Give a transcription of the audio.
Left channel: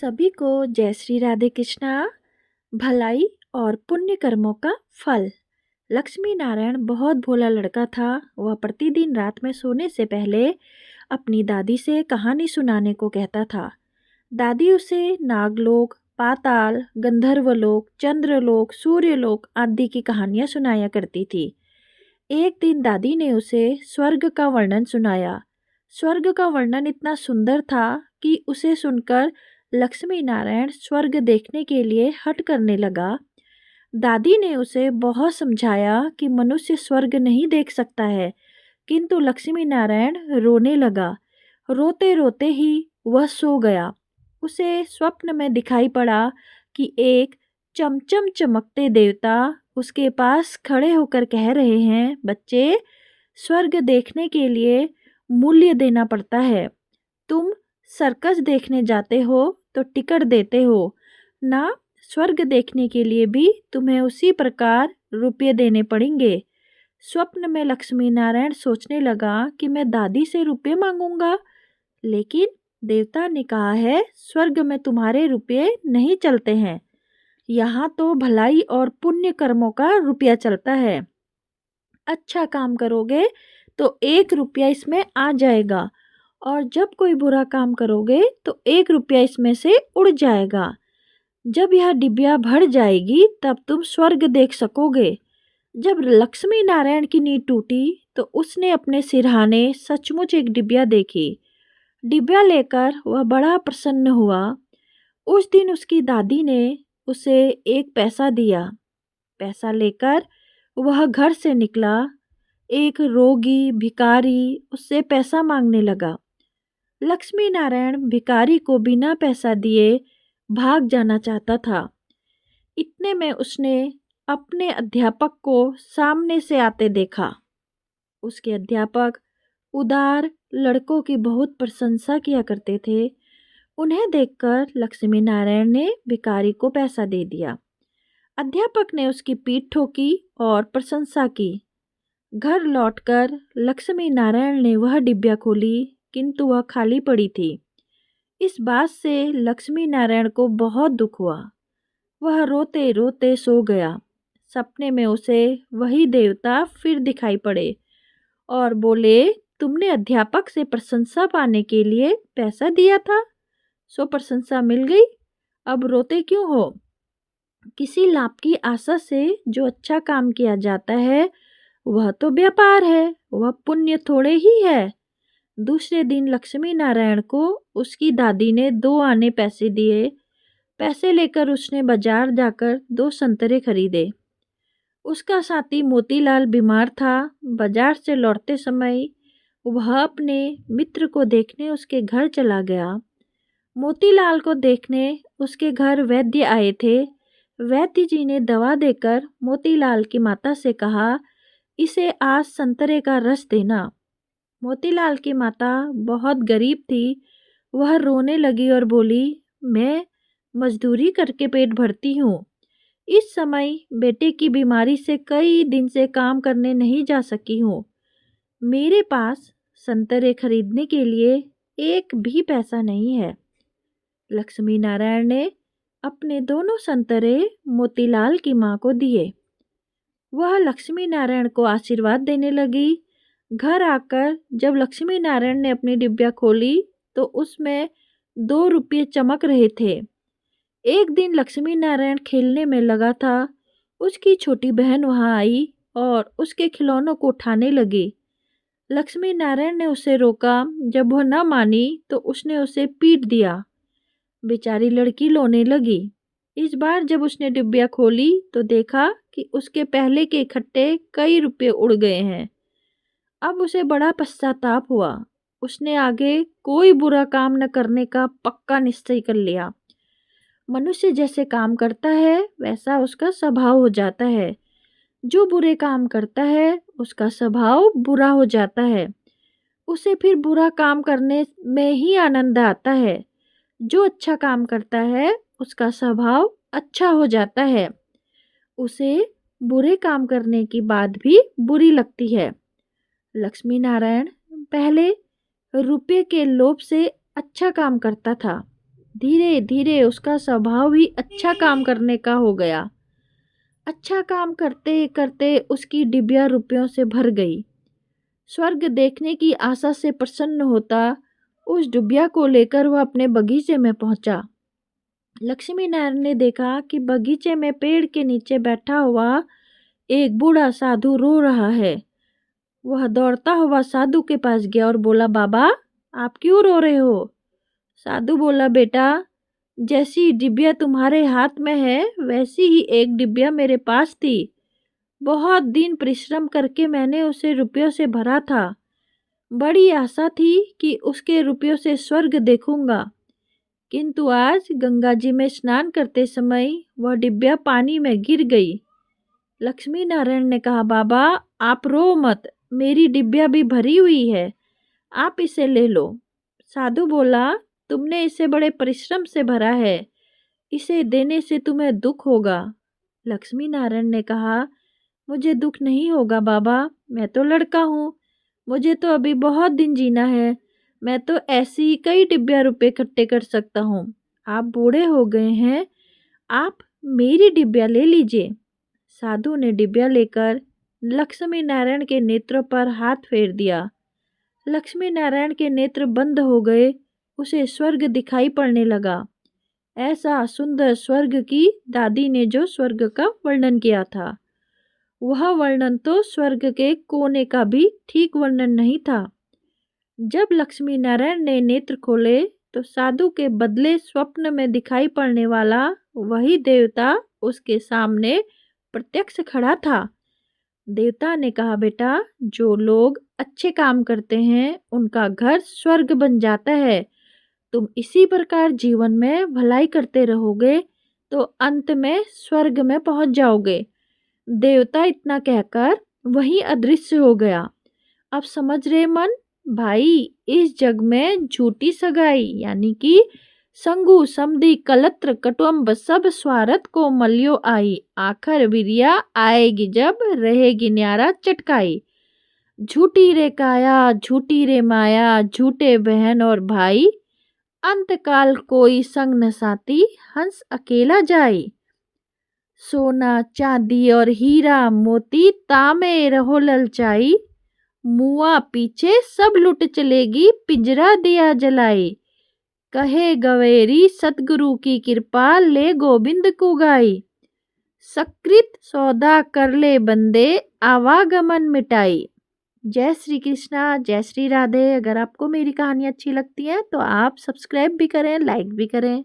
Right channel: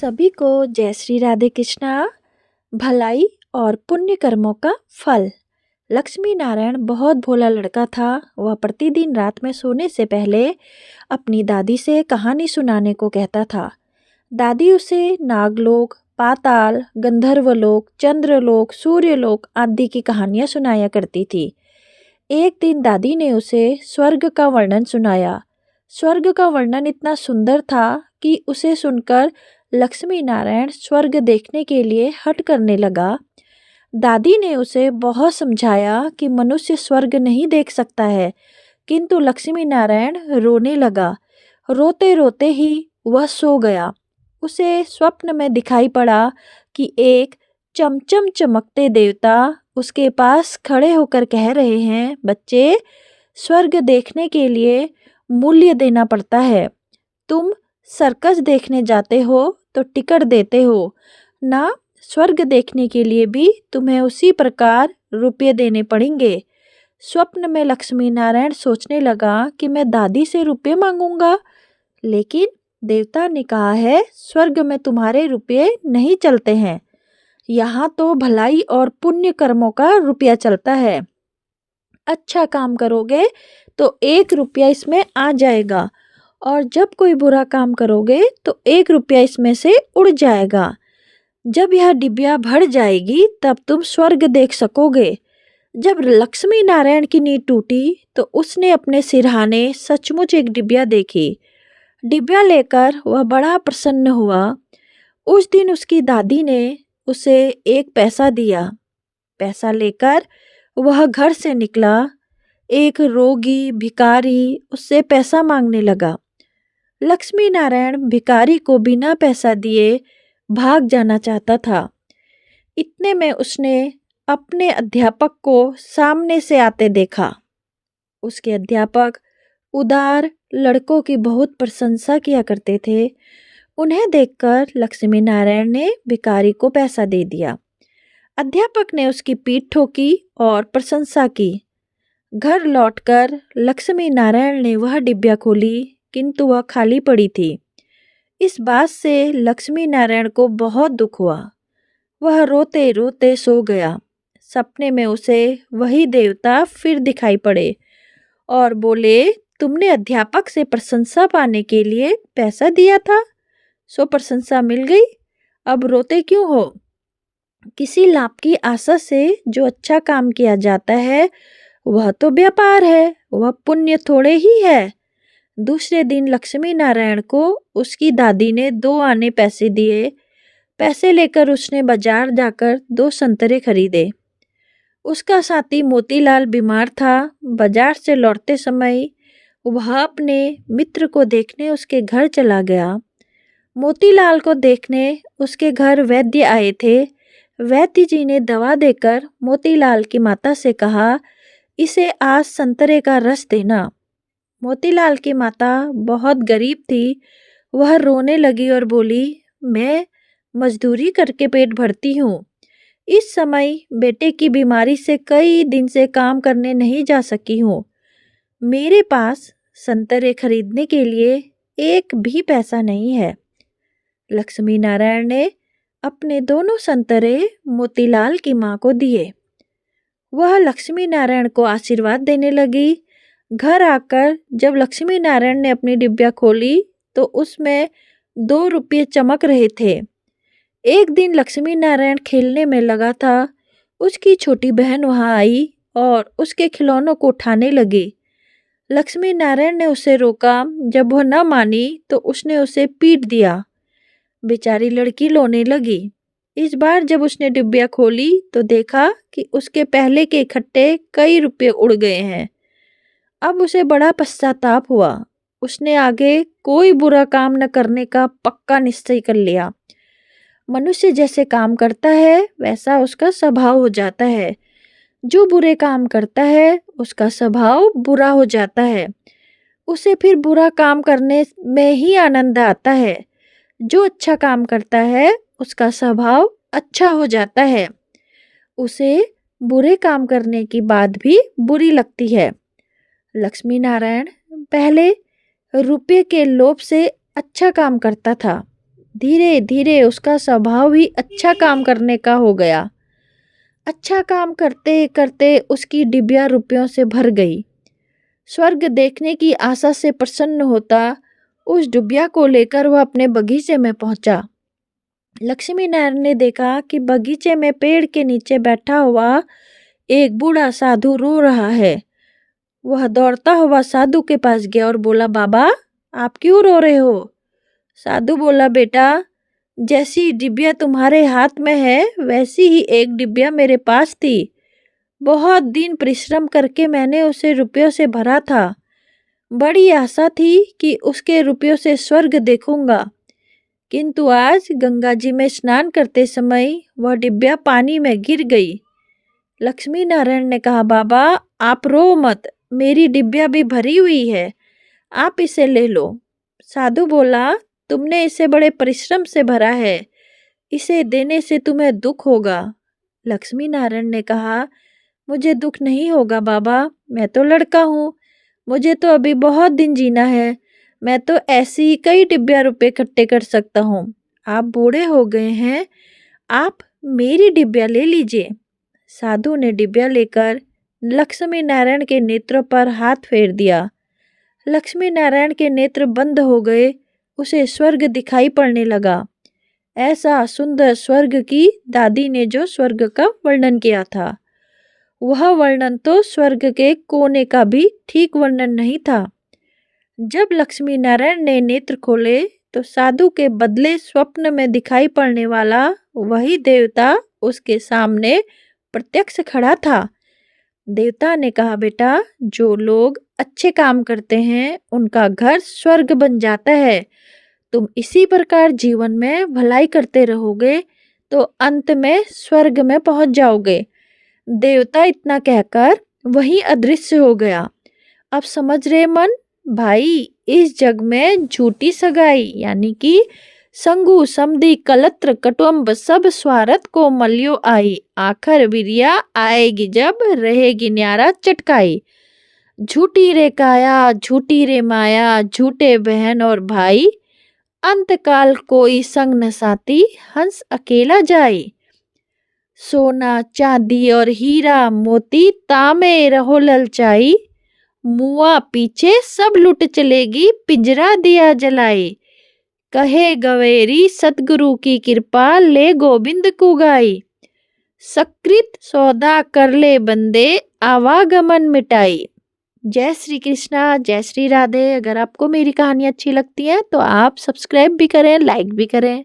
सभी को जय श्री राधे कृष्णा। भलाई और पुण्य कर्मों का फल। लक्ष्मी नारायण बहुत भोला लड़का था। वह प्रतिदिन रात में सोने से पहले अपनी दादी से कहानी सुनाने को कहता था। दादी उसे नागलोक, पाताल, गंधर्वलोक, चंद्रलोक, सूर्यलोक आदि की कहानियाँ सुनाया करती थी। एक दिन दादी ने उसे स्वर्ग का वर्णन सुनाया। स्वर्ग का वर्णन इतना सुंदर था कि उसे सुनकर लक्ष्मी नारायण स्वर्ग देखने के लिए हट करने लगा। दादी ने उसे बहुत समझाया कि मनुष्य स्वर्ग नहीं देख सकता है, किंतु लक्ष्मी नारायण रोने लगा। रोते रोते ही वह सो गया। उसे स्वप्न में दिखाई पड़ा कि एक चमचम चमकते देवता उसके पास खड़े होकर कह रहे हैं, बच्चे, स्वर्ग देखने के लिए मूल्य देना पड़ता है। तुम सर्कस देखने जाते हो तो टिकट देते हो ना, स्वर्ग देखने के लिए भी तुम्हें उसी प्रकार रुपये देने पड़ेंगे। स्वप्न में लक्ष्मी नारायण सोचने लगा कि मैं दादी से रुपये मांगूंगा, लेकिन देवता ने कहा है स्वर्ग में तुम्हारे रुपये नहीं चलते हैं, यहाँ तो भलाई और पुण्य कर्मों का रुपया चलता है। अच्छा काम करोगे तो 1 रुपया इसमें आ जाएगा, और जब कोई बुरा काम करोगे तो 1 रुपया इसमें से उड़ जाएगा। जब यह डिबिया भर जाएगी तब तुम स्वर्ग देख सकोगे। जब लक्ष्मी नारायण की नींद टूटी तो उसने अपने सिरहाने सचमुच एक डिबिया देखी। डिबिया लेकर वह बड़ा प्रसन्न हुआ। उस दिन उसकी दादी ने उसे 1 पैसा दिया। पैसा लेकर वह घर से निकला। एक रोगी भिखारी उससे पैसा मांगने लगा। लक्ष्मी नारायण भिखारी को बिना पैसा दिए भाग जाना चाहता था। इतने में उसने अपने अध्यापक को सामने से आते देखा। उसके अध्यापक उदार लड़कों की बहुत प्रशंसा किया करते थे। उन्हें देखकर लक्ष्मी नारायण ने भिखारी को पैसा दे दिया। अध्यापक ने उसकी पीठ ठोकी और प्रशंसा की। घर लौटकर लक्ष्मी नारायण ने वह डिब्बिया खोली, किंतु वह खाली पड़ी थी। इस बात से लक्ष्मी नारायण को बहुत दुख हुआ। वह रोते रोते सो गया। सपने में उसे वही देवता फिर दिखाई पड़े और बोले, तुमने अध्यापक से प्रशंसा पाने के लिए पैसा दिया था, सो प्रशंसा मिल गई, अब रोते क्यों हो? किसी लाभ की आशा से जो अच्छा काम किया जाता है वह तो व्यापार है, वह पुण्य थोड़े ही है। दूसरे दिन लक्ष्मी नारायण को उसकी दादी ने 2 आने पैसे दिए। पैसे लेकर उसने बाजार जाकर 2 संतरे खरीदे। उसका साथी मोतीलाल बीमार था। बाजार से लौटते समय वह अपने मित्र को देखने उसके घर चला गया। मोतीलाल को देखने उसके घर वैद्य आए थे। वैद्य जी ने दवा देकर मोतीलाल की माता से कहा, इसे आज संतरे का रस देना। मोतीलाल की माता बहुत गरीब थी। वह रोने लगी और बोली, मैं मजदूरी करके पेट भरती हूँ। इस समय बेटे की बीमारी से कई दिन से काम करने नहीं जा सकी हूँ। मेरे पास संतरे खरीदने के लिए 1 भी पैसा नहीं है। लक्ष्मी नारायण ने अपने 2 संतरे मोतीलाल की माँ को दिए। वह लक्ष्मी नारायण को आशीर्वाद देने लगी। घर आकर जब लक्ष्मी नारायण ने अपनी डिब्बिया खोली तो उसमें 2 रुपये चमक रहे थे। एक दिन लक्ष्मी नारायण खेलने में लगा था। उसकी छोटी बहन वहां आई और उसके खिलौनों को उठाने लगी। लक्ष्मी नारायण ने उसे रोका। जब वह न मानी तो उसने उसे पीट दिया। बेचारी लड़की रोने लगी। इस बार जब उसने डिब्बिया खोली तो देखा कि उसके पहले के इकट्ठे कई रुपये उड़ गए हैं। अब उसे बड़ा पश्चाताप हुआ। उसने आगे कोई बुरा काम न करने का पक्का निश्चय कर लिया। मनुष्य जैसे काम करता है वैसा उसका स्वभाव हो जाता है। जो बुरे काम करता है उसका स्वभाव बुरा हो जाता है। उसे फिर बुरा काम करने में ही आनंद आता है। जो अच्छा काम करता है उसका स्वभाव अच्छा हो जाता है। उसे बुरे काम करने की बात भी बुरी लगती है। लक्ष्मी नारायण पहले रुपये के लोभ से अच्छा काम करता था, धीरे धीरे उसका स्वभाव ही अच्छा काम करने का हो गया। अच्छा काम करते करते उसकी डिबिया रुपयों से भर गई। स्वर्ग देखने की आशा से प्रसन्न होता उस डिबिया को लेकर वह अपने बगीचे में पहुंचा। लक्ष्मी नारायण ने देखा कि बगीचे में पेड़ के नीचे बैठा हुआ एक बूढ़ा साधु रो रहा है। वह दौड़ता हुआ साधु के पास गया और बोला, बाबा आप क्यों रो रहे हो? साधु बोला, बेटा जैसी डिबिया तुम्हारे हाथ में है वैसी ही एक डिबिया मेरे पास थी। बहुत दिन परिश्रम करके मैंने उसे रुपयों से भरा था। बड़ी आशा थी कि उसके रुपयों से स्वर्ग देखूंगा, किंतु आज गंगा जी में स्नान करते समय वह डिबिया पानी में गिर गई। लक्ष्मी नारायण ने कहा, बाबा आप रो मत, मेरी डिबिया भी भरी हुई है, आप इसे ले लो। साधु बोला, तुमने इसे बड़े परिश्रम से भरा है, इसे देने से तुम्हें दुख होगा। लक्ष्मी नारायण ने कहा, मुझे दुख नहीं होगा बाबा, मैं तो लड़का हूँ, मुझे तो अभी बहुत दिन जीना है, मैं तो ऐसी ही कई डिबिया रुपए इकट्ठे कर सकता हूँ। आप बूढ़े हो गए हैं, आप मेरी डिबिया ले लीजिए। साधु ने डिबिया लेकर लक्ष्मी नारायण के नेत्रों पर हाथ फेर दिया। लक्ष्मी नारायण के नेत्र बंद हो गए, उसे स्वर्ग दिखाई पड़ने लगा। ऐसा सुंदर स्वर्ग की दादी ने जो स्वर्ग का वर्णन किया था, वह वर्णन तो स्वर्ग के कोने का भी ठीक वर्णन नहीं था। जब लक्ष्मी नारायण ने नेत्र खोले तो साधु के बदले स्वप्न में दिखाई पड़ने वाला वही देवता उसके सामने प्रत्यक्ष खड़ा था। देवता ने कहा, बेटा जो लोग अच्छे काम करते हैं उनका घर स्वर्ग बन जाता है। तुम इसी प्रकार जीवन में भलाई करते रहोगे तो अंत में स्वर्ग में पहुंच जाओगे। देवता इतना कहकर वहीं अदृश्य हो गया। अब समझ रहे मन भाई, इस जग में झूठी सगाई यानी कि संगु समधि कलत्र कटुम्ब सब स्वार्थ को मलियो आई, आखर विरिया आएगी जब रहेगी न्यारा चटकाई। झूठी रे काया झूठी रे माया, झूठे बहन और भाई, अंतकाल कोई संग न साथी, हंस अकेला जाई। सोना चांदी और हीरा मोती तामे रहो ललचाई, मुआ पीछे सब लुट चलेगी पिंजरा दिया जलाई। कहे गवेरी सतगुरु की कृपा ले गोविंद को गाई, सकृत सौदा कर ले बंदे आवागमन मिटाई। जय श्री कृष्णा, जय श्री राधे। अगर आपको मेरी कहानी अच्छी लगती है तो आप सब्सक्राइब भी करें, लाइक भी करें।